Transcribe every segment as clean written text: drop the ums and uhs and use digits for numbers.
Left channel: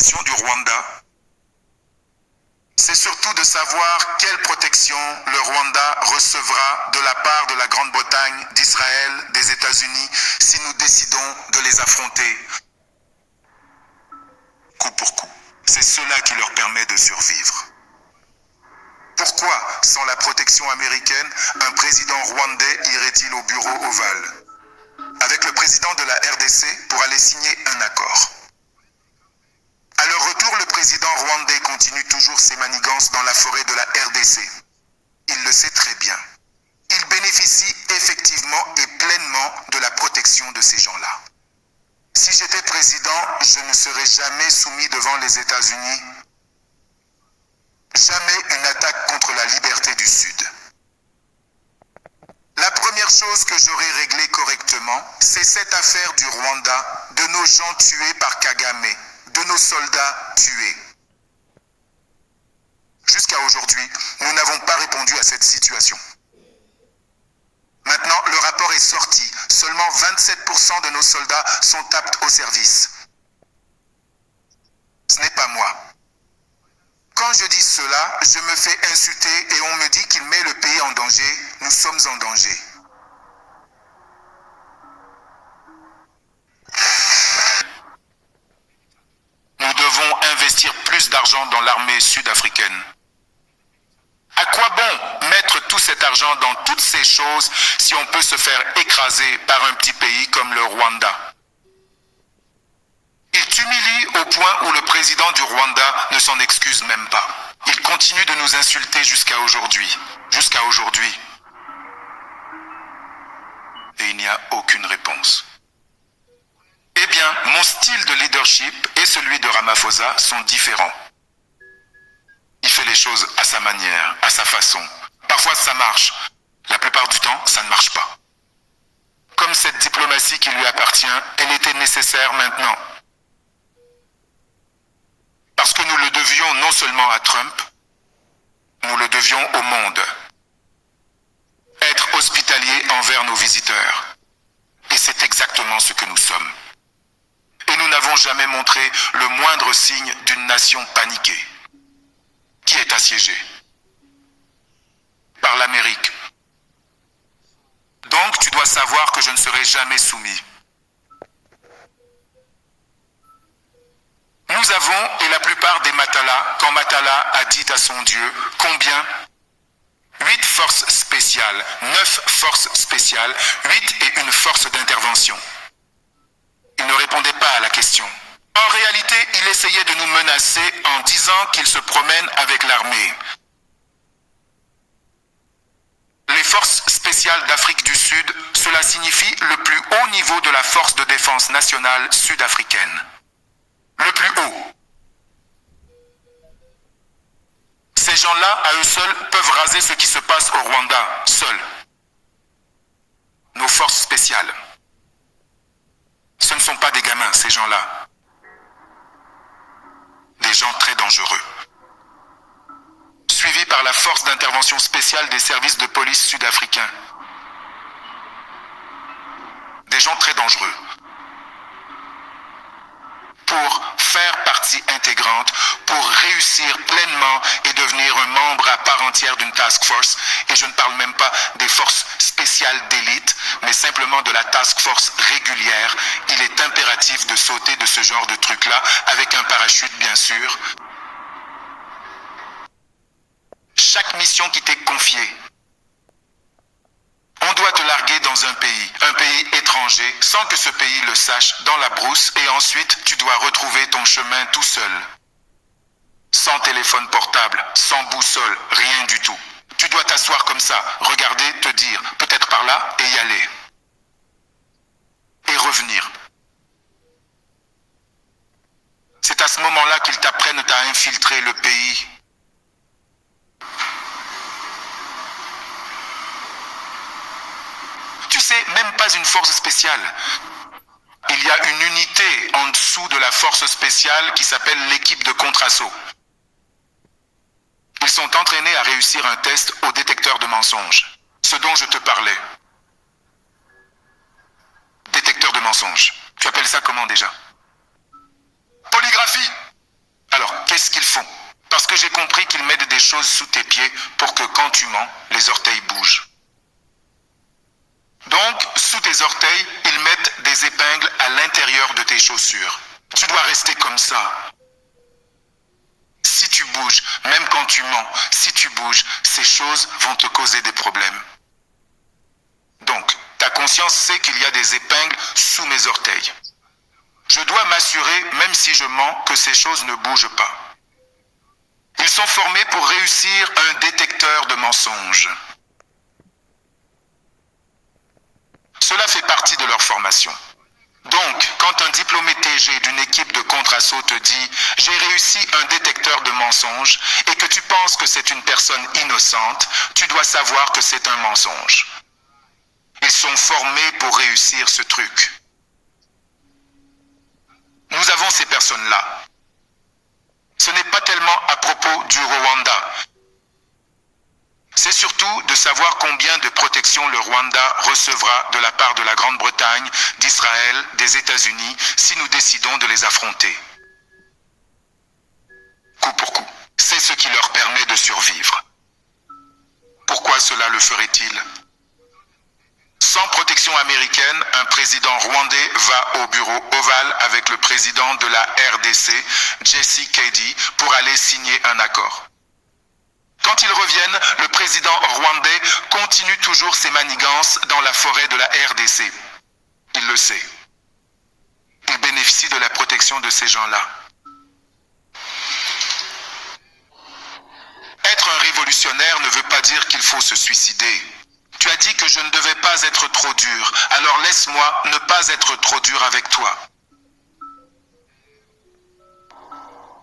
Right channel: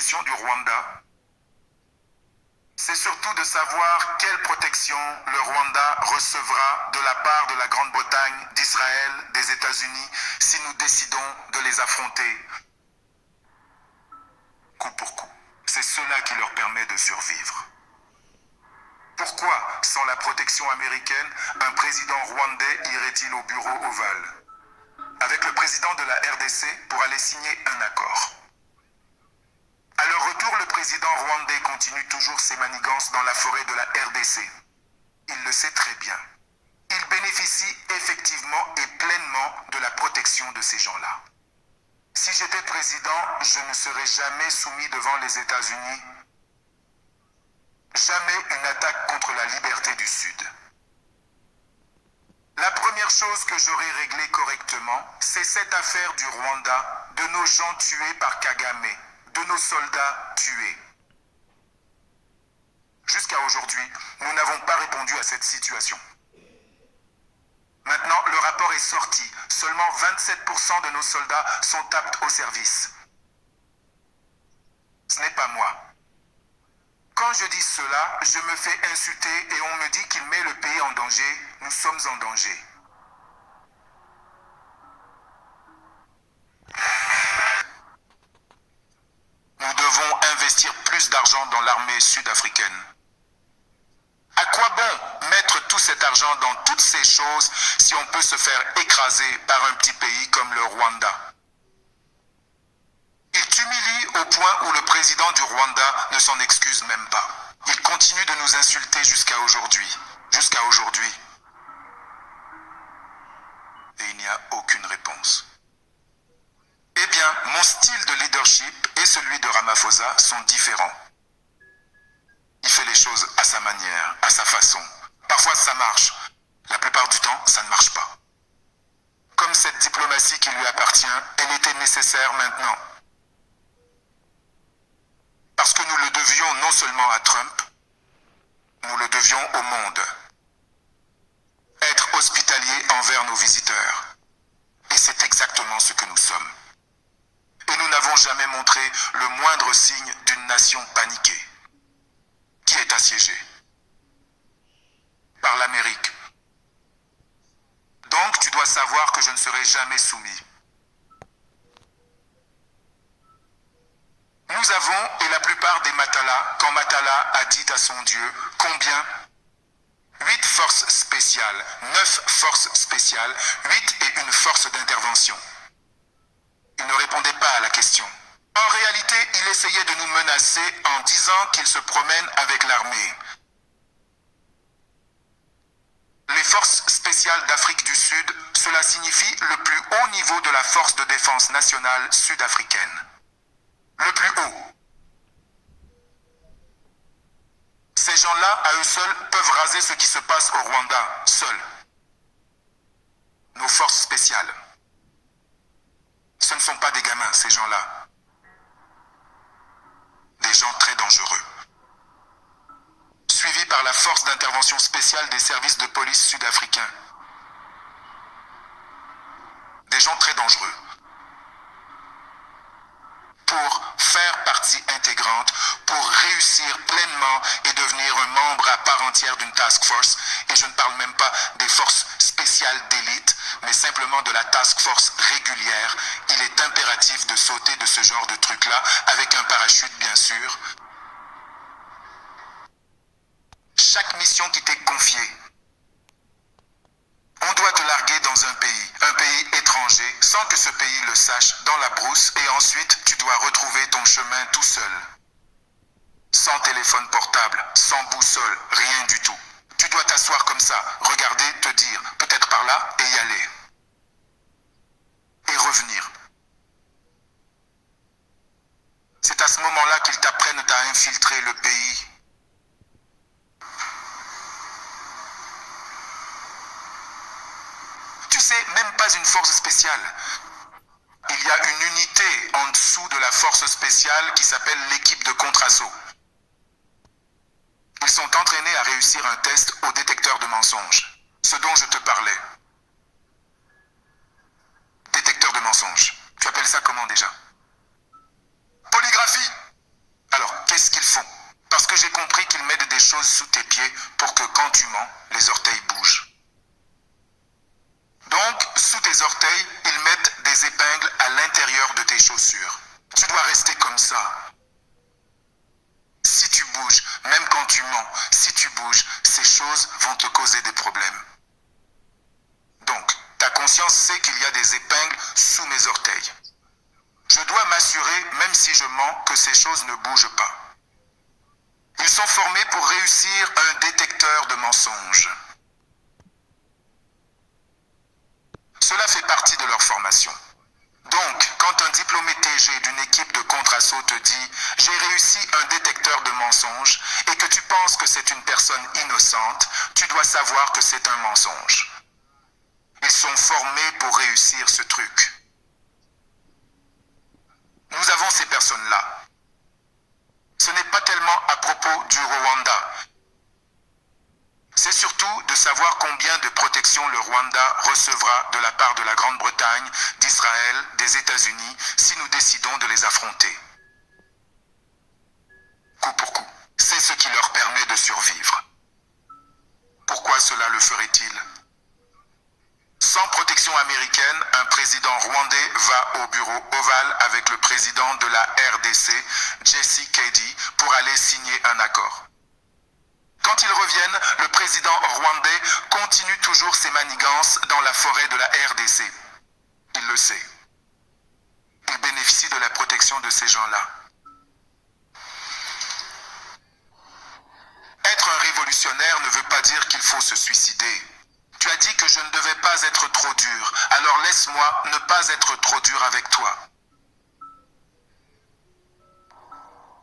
question du Rwanda, c'est surtout de savoir quelle protection le Rwanda recevra de la part de la Grande-Bretagne, d'Israël, des États-Unis, si nous décidons de les affronter coup pour coup. C'est cela qui leur permet de survivre. Pourquoi, sans la protection américaine, un président rwandais irait-il au bureau ovale avec le président de la RDC pour aller signer un accord? À leur retour, le président rwandais continue toujours ses manigances dans la forêt de la RDC. Il le sait très bien. Il bénéficie effectivement et pleinement de la protection de ces gens-là. Si j'étais président, je ne serais jamais soumis devant les États-Unis. Jamais une attaque contre la liberté du Sud. La première chose que j'aurais réglée correctement, c'est cette affaire du Rwanda, de nos gens tués par Kagame, de nos soldats tués. Jusqu'à aujourd'hui, nous n'avons pas répondu à cette situation. Maintenant, le rapport est sorti. Seulement 27% de nos soldats sont aptes au service. Ce n'est pas moi. Quand je dis cela, je me fais insulter et on me dit qu'il met le pays en danger. Nous sommes en danger. Nous devons investir plus d'argent dans l'armée sud-africaine. À quoi bon mettre tout cet argent dans toutes ces choses si on peut se faire écraser par un petit pays comme le Rwanda? Il t'humilie au point où le président du Rwanda ne s'en excuse même pas. Il continue de nous insulter jusqu'à aujourd'hui. Jusqu'à aujourd'hui. Et il n'y a aucune réponse. Eh bien, mon style de leadership et celui de Ramaphosa sont différents. Il fait les choses à sa manière, à sa façon. Parfois ça marche. La plupart du temps, ça ne marche pas. Comme cette diplomatie qui lui appartient, elle était nécessaire maintenant. Parce que nous le devions non seulement à Trump, nous le devions au monde. Être hospitalier envers nos visiteurs. Et c'est exactement ce que nous sommes. Et nous n'avons jamais montré le moindre signe d'une nation paniquée, qui est assiégée par l'Amérique. Donc tu dois savoir que je ne serai jamais soumis. Nous avons, et la plupart des Matala, quand Matala a dit à son Dieu, combien? 8 forces spéciales, 9 forces spéciales, 8 et une force d'intervention. Il ne répondait pas à la question. En réalité, il essayait de nous menacer en disant qu'il se promène avec l'armée. Les forces spéciales d'Afrique du Sud, cela signifie le plus haut niveau de la force de défense nationale sud-africaine. Le plus haut. Ces gens-là, à eux seuls, peuvent raser ce qui se passe au Rwanda, seuls. Nos forces spéciales. Ce ne sont pas des gamins, ces gens-là. Des gens très dangereux. Suivis par la force d'intervention spéciale des services de police sud-africains. Des gens très dangereux. Pour faire partie intégrante, pour réussir pleinement et devenir un membre à part entière d'une task force, et je ne parle même pas des forces spéciales d'élite, mais simplement de la task force régulière, il est impératif de sauter de ce genre de truc-là, avec un parachute bien sûr. Chaque mission qui t'est confiée, on doit te larguer dans un pays étranger, sans que ce pays le sache, dans la brousse, et ensuite tu dois retrouver ton chemin tout seul. Sans téléphone portable, sans boussole, rien du tout. Tu dois t'asseoir comme ça, regarder, te dire, peut-être par là, et y aller. Et revenir. C'est à ce moment-là qu'ils t'apprennent à infiltrer le pays. Tu sais, même pas une force spéciale. Il y a une unité en dessous de la force spéciale qui s'appelle l'équipe de contre-assaut. Ils sont entraînés à réussir un test au détecteur de mensonges. Ce dont je te parlais. Détecteur de mensonges. Tu appelles ça comment déjà? Polygraphie. j'ai compris qu'ils mettent des choses sous tes pieds pour que quand tu mens, les orteils bougent. Donc, sous tes orteils, ils mettent des épingles à l'intérieur de tes chaussures. Tu dois rester comme ça. Si tu bouges, même quand tu mens, si tu bouges, ces choses vont te causer des problèmes. Donc, ta conscience sait qu'il y a des épingles sous mes orteils. Je dois m'assurer, même si je mens, que ces choses ne bougent pas. Ils sont formés pour réussir un détecteur de mensonges. Cela fait partie de leur formation. Donc, quand un diplômé TG d'une équipe de contre-assaut te dit « J'ai réussi un détecteur de mensonges » et que tu penses que c'est une personne innocente, tu dois savoir que c'est un mensonge. Ils sont formés pour réussir ce truc. Nous avons ces personnes-là. Ce n'est pas tellement à propos du Rwanda. C'est surtout de savoir combien de protection le Rwanda recevra de la part de la Grande-Bretagne, d'Israël, des États-Unis, si nous décidons de les affronter. Coup pour coup. C'est ce qui leur permet de survivre. Pourquoi cela le ferait-il ? Sans protection américaine, un président rwandais va au bureau ovale avec le président de la RDC, Jesse Kedi, pour aller signer un accord. Quand ils reviennent, le président rwandais continue toujours ses manigances dans la forêt de la RDC. Il le sait. Il bénéficie de la protection de ces gens-là. Être un révolutionnaire ne veut pas dire qu'il faut se suicider. Tu as dit que je ne devais pas être trop dur, alors laisse-moi ne pas être trop dur avec toi.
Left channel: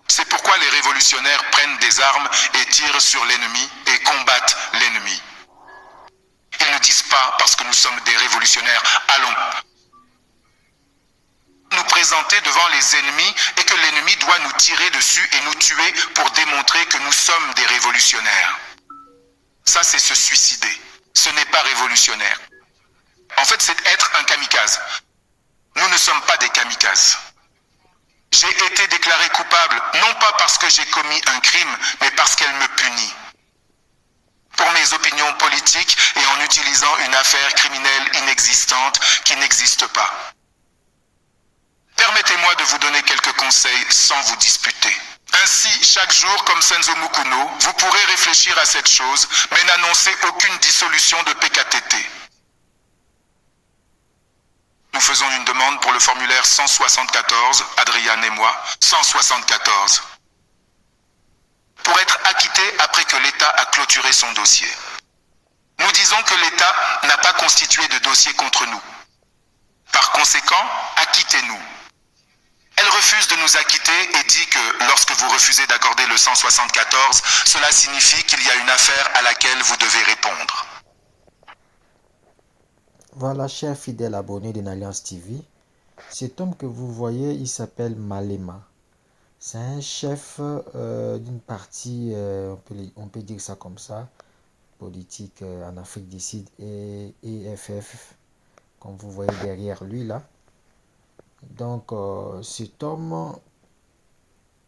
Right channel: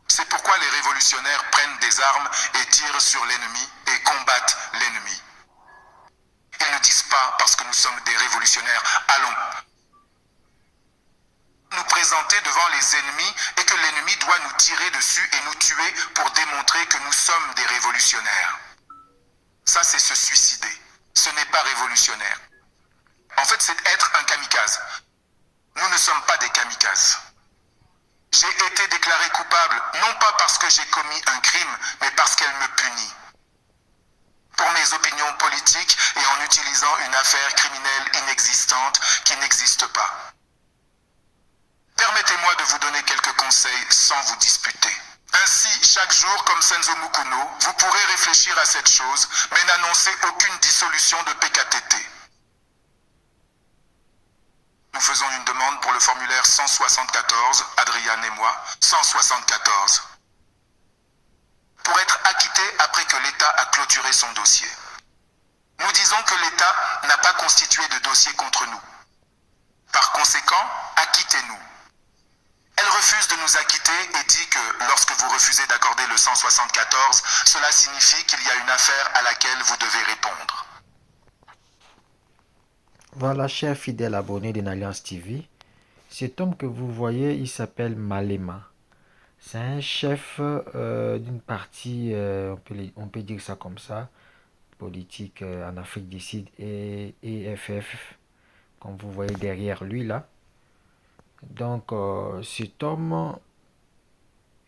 C'est pourquoi les révolutionnaires prennent des armes et tirent sur l'ennemi et combattent l'ennemi. Ils ne disent pas, parce que nous sommes des révolutionnaires, allons nous présenter devant les ennemis et que l'ennemi doit nous tirer dessus et nous tuer pour démontrer que nous sommes des révolutionnaires. Ça, c'est se suicider. Ce n'est pas révolutionnaire. En fait, c'est être un kamikaze. Nous ne sommes pas des kamikazes. J'ai été déclaré coupable, non pas parce que j'ai commis un crime, mais parce qu'elle me punit. Pour mes opinions politiques et en utilisant une affaire criminelle inexistante qui n'existe pas. Permettez-moi de vous donner quelques conseils sans vous disputer. Ainsi, chaque jour, comme Senzo Mukuno, vous pourrez réfléchir à cette chose, mais n'annoncez aucune dissolution de PKTT. Nous faisons une demande pour le formulaire 174, Adriane et moi, 174. Pour être acquitté après que l'État a clôturé son dossier. Nous disons que l'État n'a pas constitué de dossier contre nous. Par conséquent, acquittez-nous. Elle refuse de nous acquitter et dit que lorsque vous refusez d'accorder le 174, cela signifie qu'il y a une affaire à laquelle vous devez répondre. Voilà, chers fidèles abonnés de Alliance TV, cet homme que vous voyez, il s'appelle Malema. C'est un chef d'une partie, on peut dire ça comme ça, politique en Afrique du Sud et EFF, comme vous voyez derrière lui là. Donc, cet homme,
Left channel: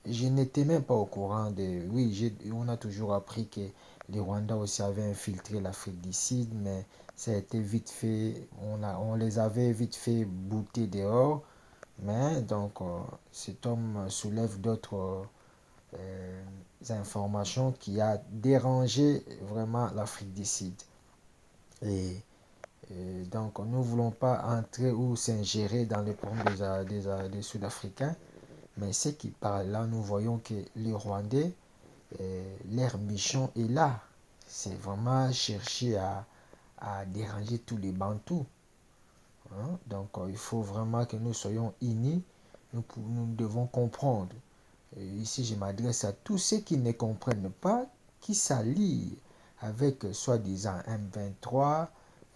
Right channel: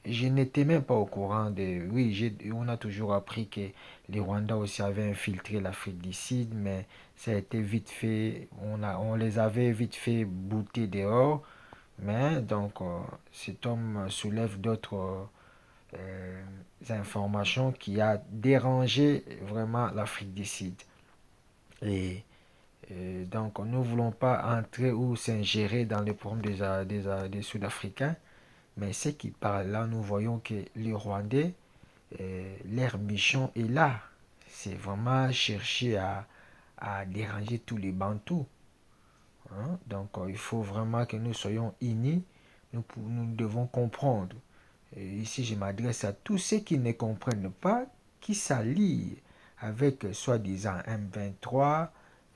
je n'étais même pas au courant de... Oui, on a toujours appris que les Rwandais aussi avaient infiltré l'Afrique du Sud, mais ça a été vite fait, on les avait vite fait bouter dehors. Mais donc, cet homme soulève d'autres informations qui a dérangé vraiment l'Afrique du Sud. Et, donc, nous ne voulons pas entrer ou s'ingérer dans les problèmes des Sud-Africains. Mais ce qui parle là, nous voyons que les Rwandais, leur mission est là. C'est vraiment chercher à déranger tous les Bantous. Hein? Donc, il faut vraiment que nous soyons unis. Nous devons comprendre. Et ici, je m'adresse à tous ceux qui ne comprennent pas, qui s'allient avec soi-disant M23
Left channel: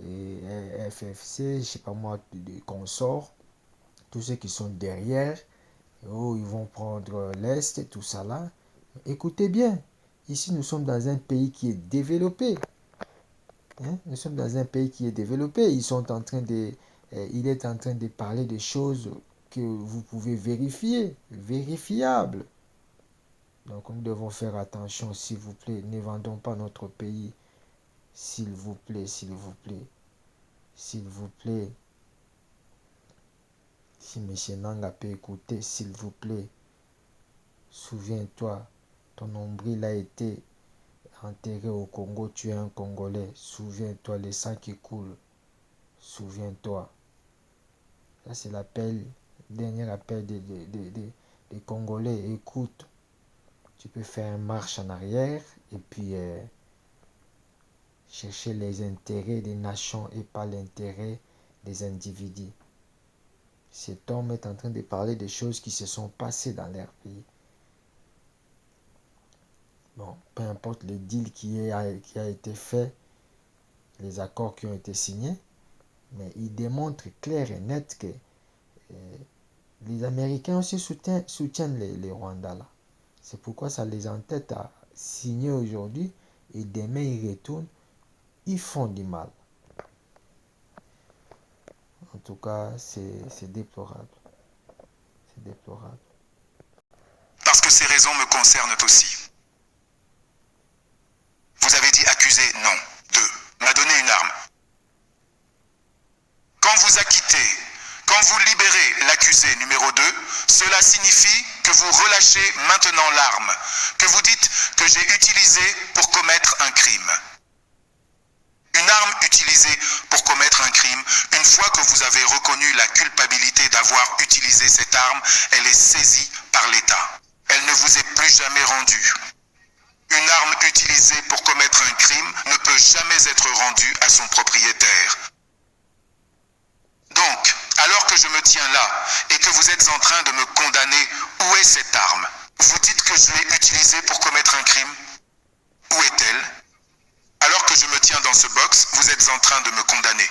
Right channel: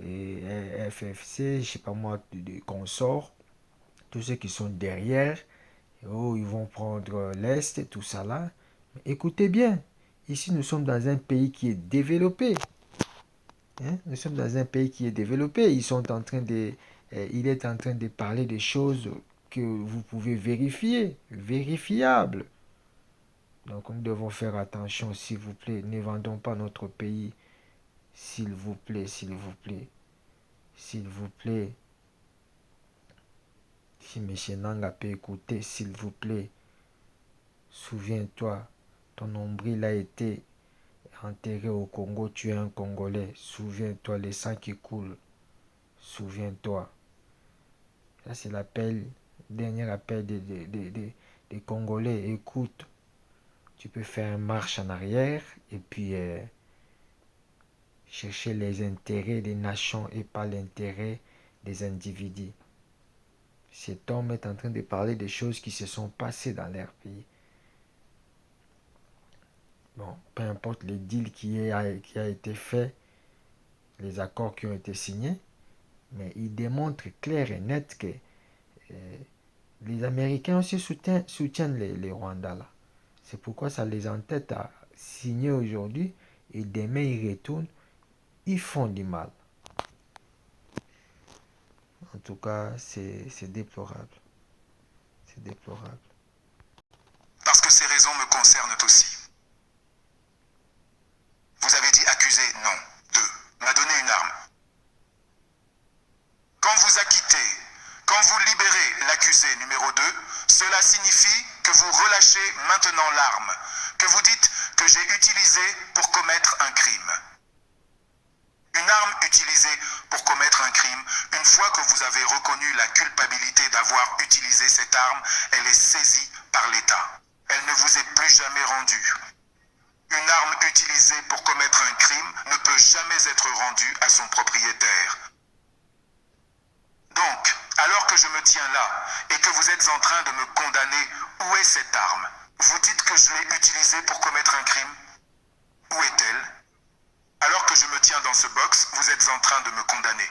et FFC, je ne sais pas moi, des consorts, tous ceux qui sont derrière. Oh, ils vont prendre l'Est, tout ça là. Écoutez bien, ici nous sommes dans un pays qui est développé. Hein? Nous sommes dans un pays qui est développé. Il est en train de parler des choses que vous pouvez vérifier, vérifiables. Donc nous devons faire attention, s'il vous plaît. Ne vendons pas notre pays. S'il vous plaît, s'il vous plaît. S'il vous plaît. Si M. Nanga peut écouter, s'il vous plaît. Souviens-toi, ton nombril a été enterré au Congo, tu es un Congolais. Souviens-toi, les sangs qui coulent. Souviens-toi. Ça, c'est l'appel, dernier appel des Congolais. Écoute, tu peux faire une marche en arrière et puis chercher les intérêts des nations et pas l'intérêt des individus. Cet homme est en train de parler des choses qui se sont passées dans leur pays. Bon, peu importe le deal qui a été fait, les accords qui ont été signés, mais il démontre clair et net que les Américains aussi soutiennent les Rwandais là. C'est pourquoi ça les entête à signer aujourd'hui et demain ils retournent, ils font du mal. En tout cas, c'est déplorable. C'est déplorable. Parce que ces raisons me concernent aussi. Vous avez dit accuser, non. 2. M'a donné une arme. Quand vous acquittez, quand vous libérez l'accusé numéro 2, cela signifie que vous relâchez maintenant l'arme, que vous dites que j'ai utilisé pour commettre un crime. Une arme utilisée pour commettre un crime, une fois que vous avez reconnu la culpabilité d'avoir utilisé cette arme, elle est saisie par l'État. Elle ne vous est plus jamais rendue. Une arme utilisée pour commettre un crime ne peut jamais être rendue à son propriétaire. Donc, alors que je me tiens là et que vous êtes en train de me condamner, où est cette arme? Vous dites que je l'ai utilisée pour commettre un crime? Où est-elle? Alors que je me tiens dans ce box, vous êtes en train de me condamner.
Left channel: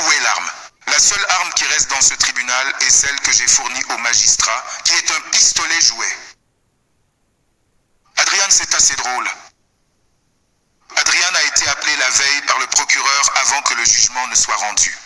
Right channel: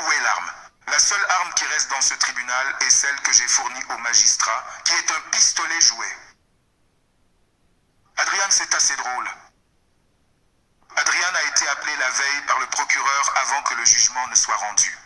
Où est l'arme? La seule arme qui reste dans ce tribunal est celle que j'ai fournie au magistrat, qui est un pistolet jouet. Adrian, c'est assez drôle. Adrian a été appelé la veille par le procureur avant que le jugement ne soit rendu.